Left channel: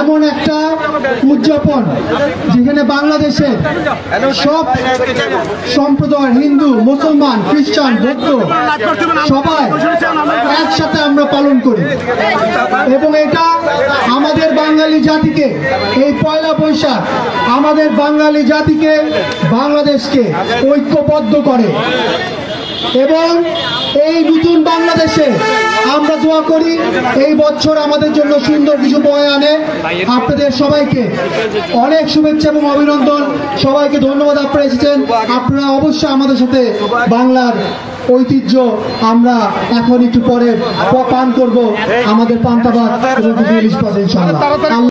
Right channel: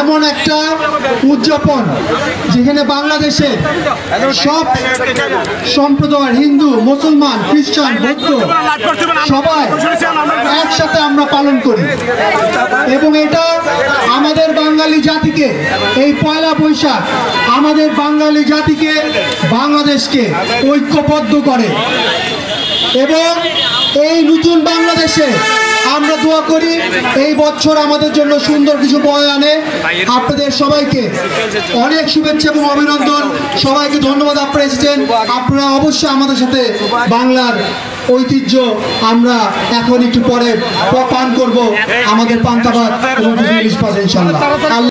এমন একটা উদযাপন যেখানে বাংলাদেশের সব সম্প্রদায়, হিন্দু, মুসলমান, খ্রিস্টান, বৌদ্ধ সবাই একসাথে আমরা পালন করি এবং এটা আমাদের বাঙালি জাতিকে, এই পয়লা বৈশাখ আমাদের বাঙালি জাতিকে, বাংলাদেশকে ঐক্যবদ্ধ করে এবং এই নতুন বাংলাদেশে আমরা দোয়া করি এই বছর আমাদের জন্য সুন্দর কিছু বয়ে আনে। আপনাদের সবাইকে অনেক শুভেচ্ছা এবং অভিনন্দন। সবাইকে ধন্যবাদ আপনারা এসেছেন। আপনারা অবশ্যই আমাদের সাথে বাংলার ঐতিহ্য আমরা এখন একটু পরে পান করব, আমাদের পান্তা ভাত এবং ইলিশ পাতা ইনশাআল্লাহ।